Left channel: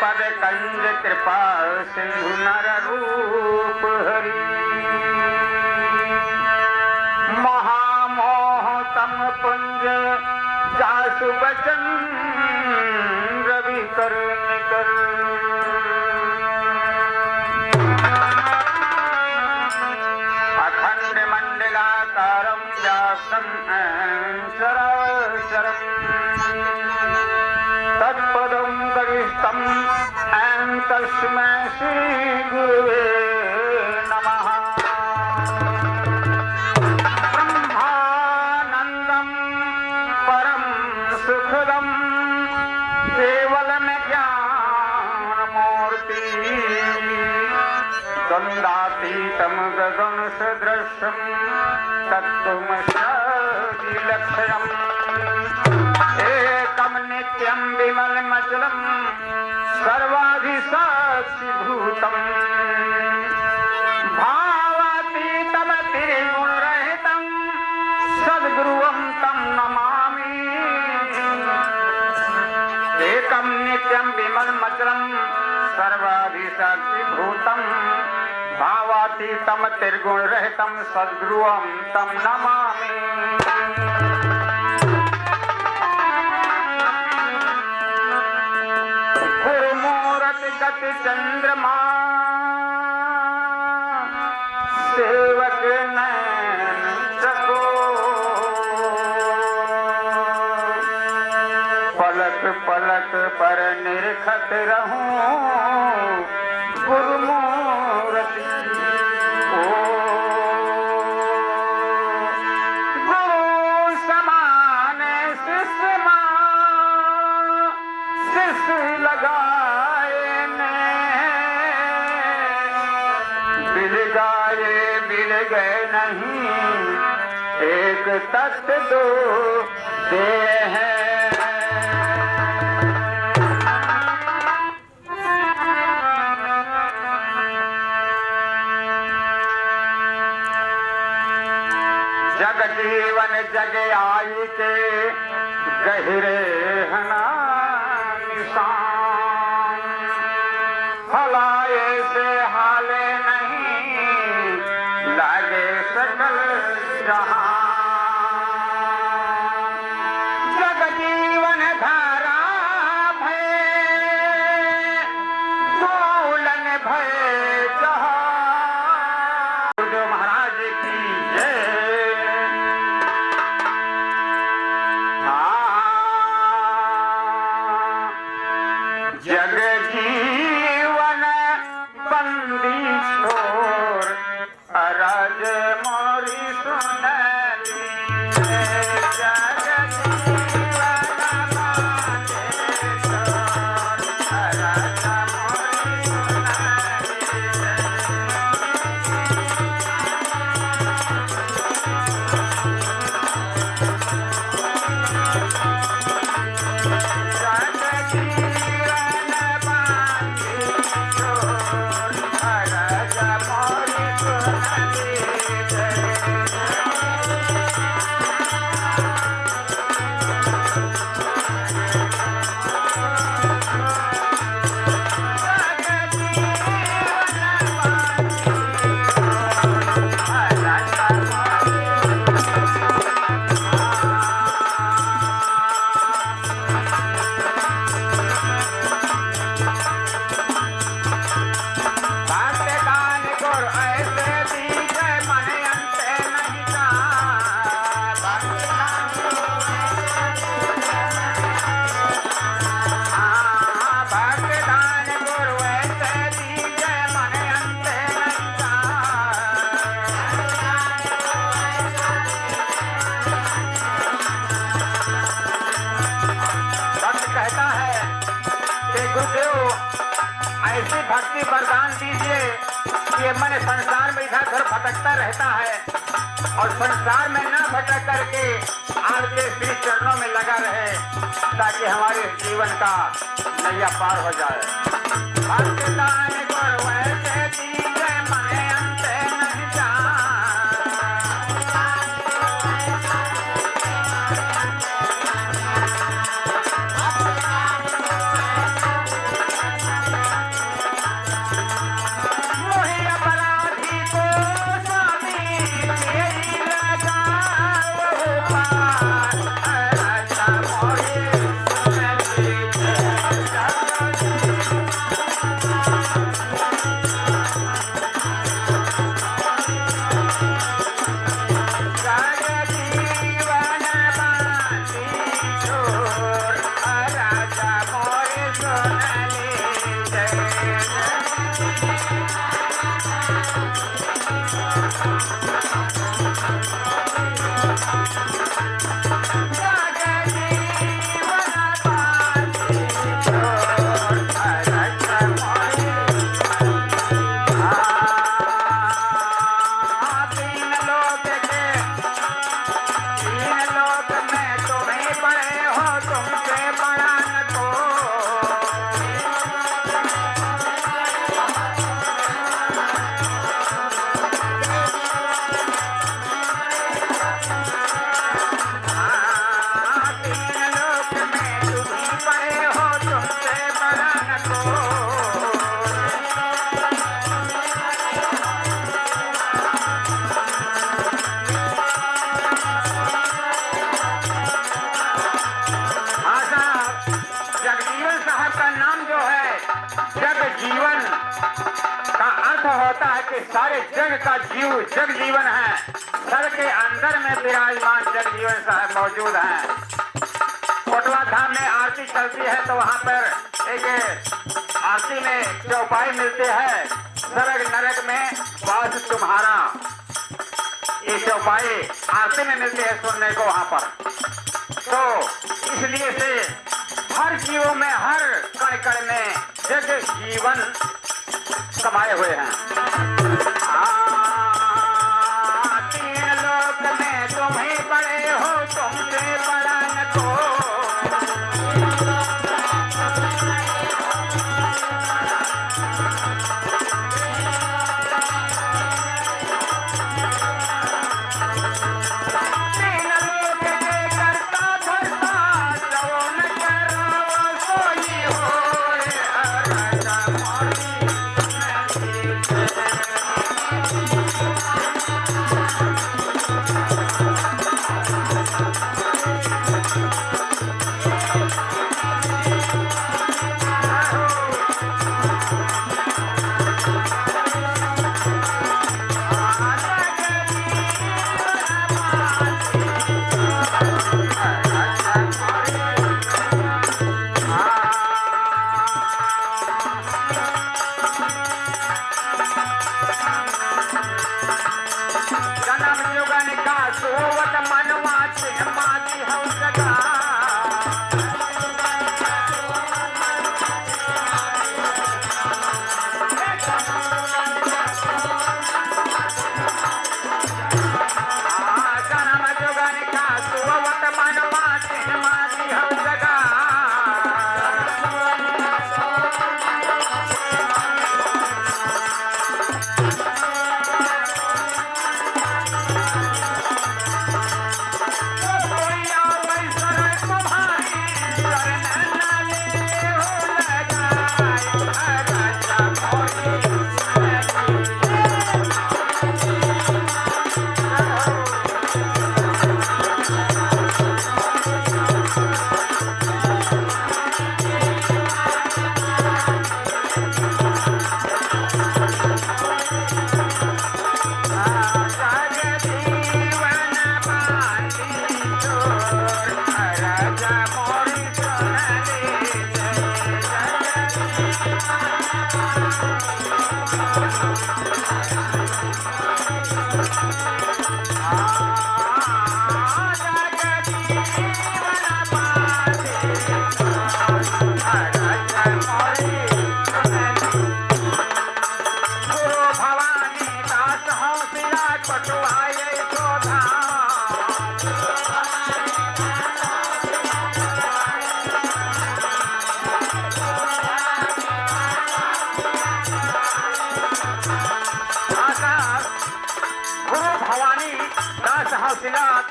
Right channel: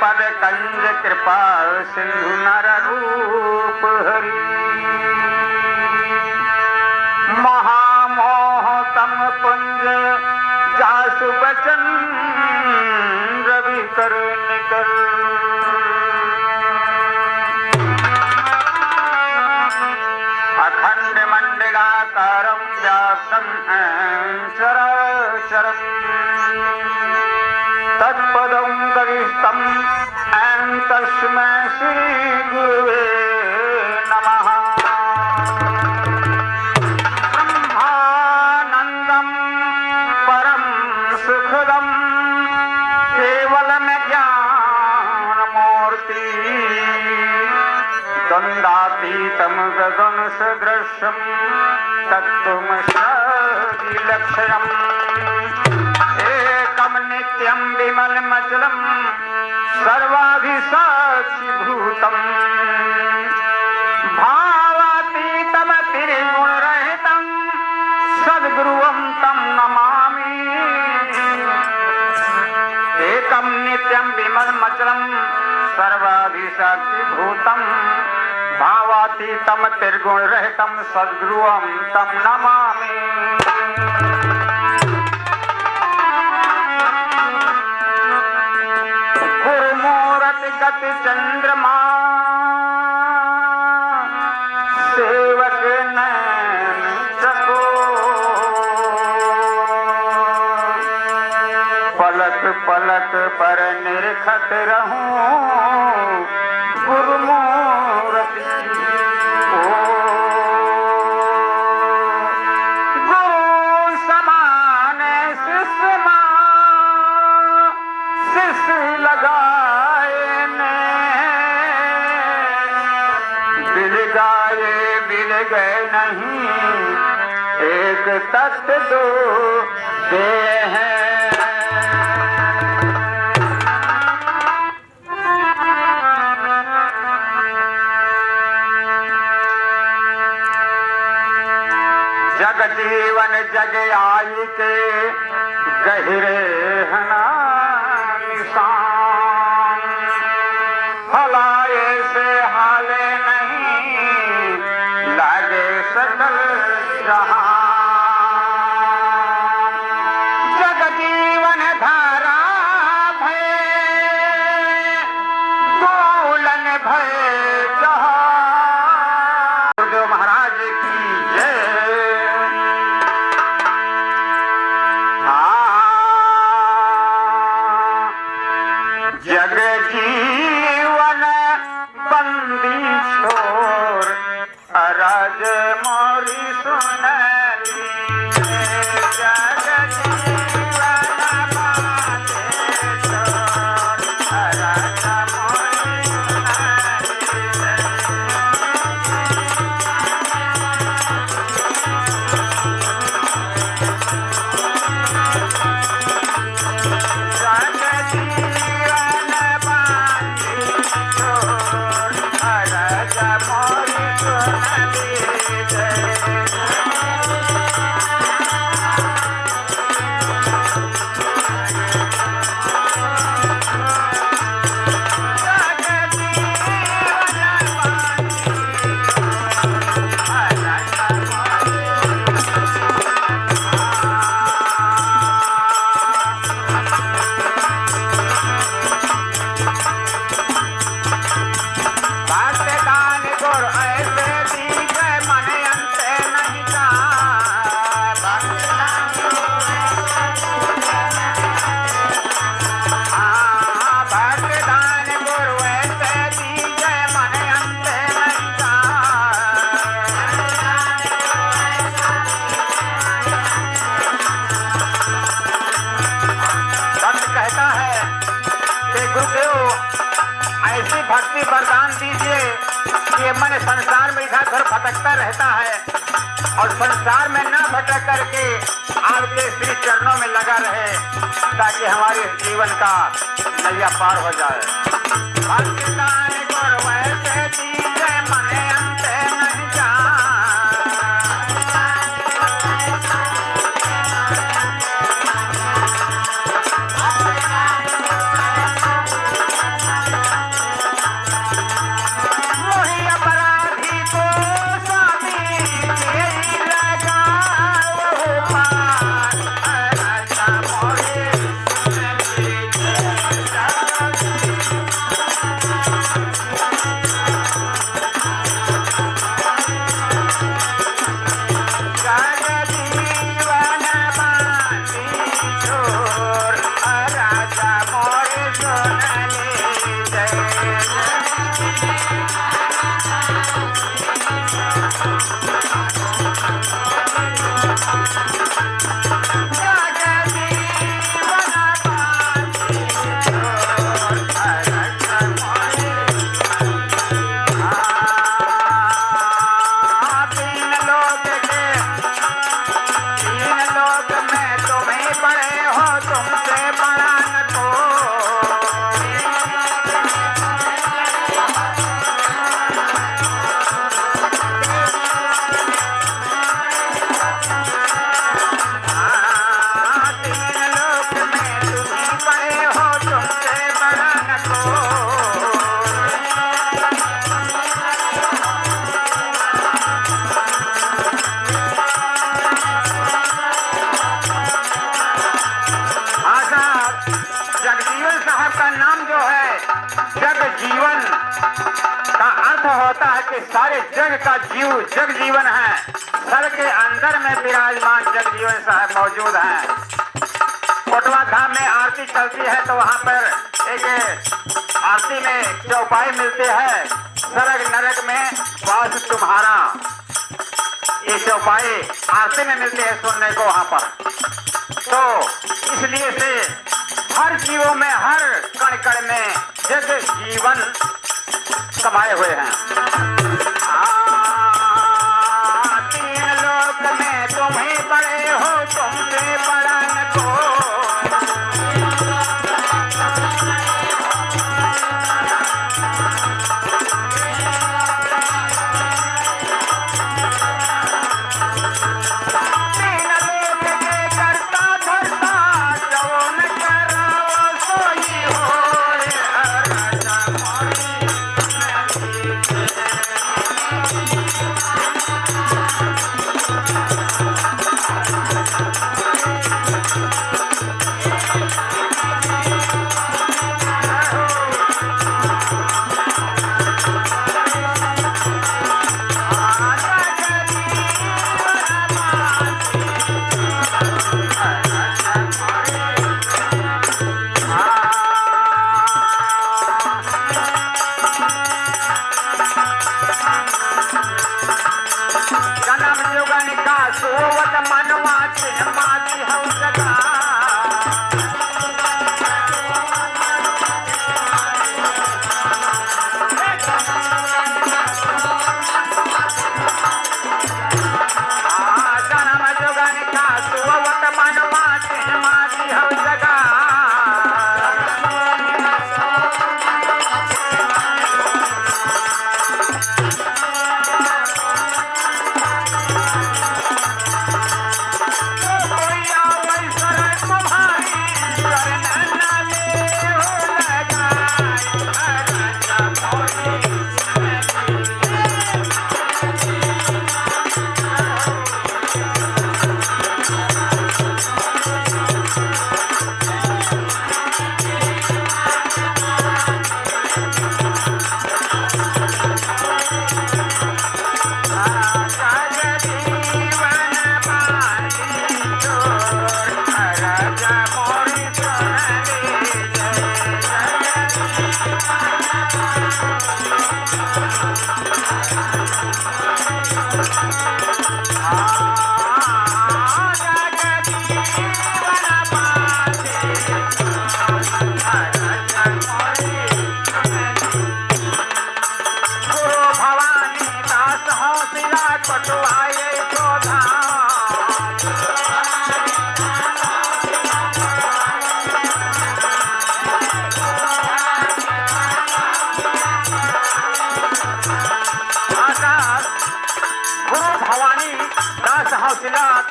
पद कंज कृपा सिंधु नर रूप हरि महामोह तम पुंज जासु बचन रवि कर निकर अखंड मंडलाकारं व्याप्तं चराचरम् तत्पदं गरिष्ठं तस्मै श्री गुरुवे नमः। ब्रह्मानंदं परम सुखदं केवलं ज्ञानमूर्ति द्वंद्वातीतं गगन सदृशं तत्त्वमसि लक्षणम् एकं नित्यं विमलमचलं सर्वाधिसाक्षिभूतम् भावातीतं त्रिगुणरहितं सद्गुरुं तं नमामि। एकं नित्यं विमलमचलं सर्वाधिसाक्षिभूतं भावातीतं त्रिगुणरहितं सद्गुरुं तं नमामि। गति चंद्रमा सेवक नैन चको पलक पलक पर निरखत रहूं गुरुमूर्ति ओ गुरु समान शिष्य लगा मिल गए नहीं एक तत्व दो दे हैं। जग जीवन जग आई के गहरे हना निशान हलाए से हाले नहीं लागे सकल जहां जग जीवन धारा भय दोलन भय जहां गुरुदेव महाराज की जय। जग जीवन बंदी छोर अरज मोरी सुनली जग जीवन बंदी छोर अरज मोरी ऐसी भक्ति वरदान दीजिए कि मन संसार में इधर उधर भटकता रहता है और संसार में न भटक करके आपके श्री चरणों में लगा रहे ताकि हमारे जीवन का नैया पार हो जाए। साहब का नाम जो है जग जीवन का अर्थ होता है कि सारे जग का जीव जग जीवन है, सर के अंदर में विराजमान जग जीवन साहब मौजूद है। कोटवा धाम में आरती चलती है तो वहाँ पर एक आरती में चौपाई मिलती है, सरग नरक में वास तुम्हारा, ये चौपाई आरती में मिलती है सुनने को वहाँ पर। तो इसलिए से हर जीवों में हर कण कण में जग जीवन समाये हुए हैं। तीन लोक में तुम ही बड़े हो, तुमसे बड़ा न कोई।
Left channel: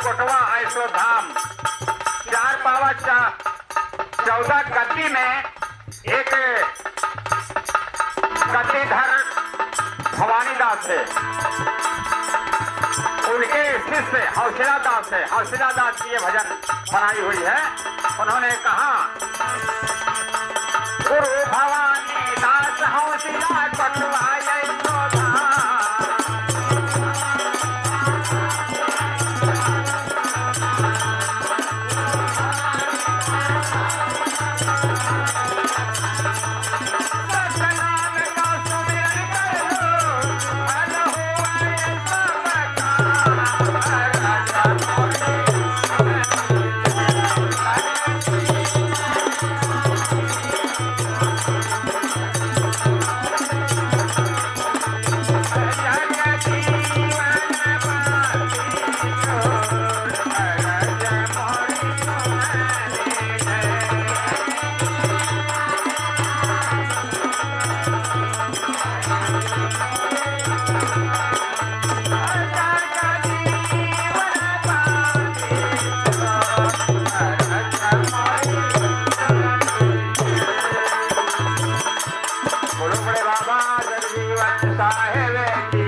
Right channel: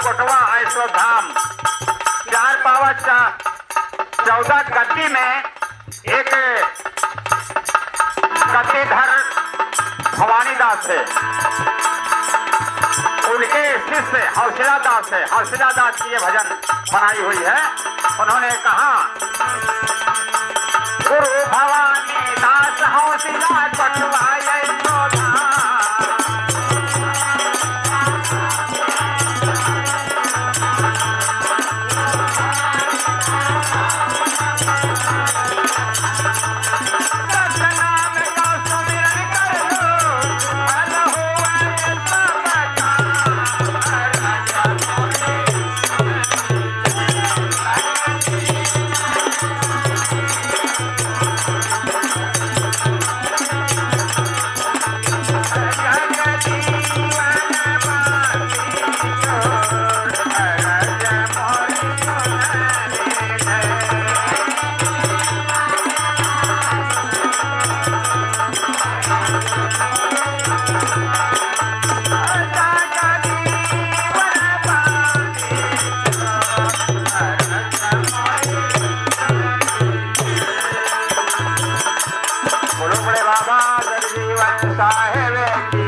कोटवा ऐसो धाम 4 पावा 14 गद्दी में एक गद्दीधर भवानी दास है, उनके शिष्य हौसला दास है। हौसला दास की ये भजन बनाई हुई है। उन्होंने कहा गुरु भवानी दास हौसला कोटवा ऐसो धाम। बोलो बड़े बाबा जगजीवन साहेब।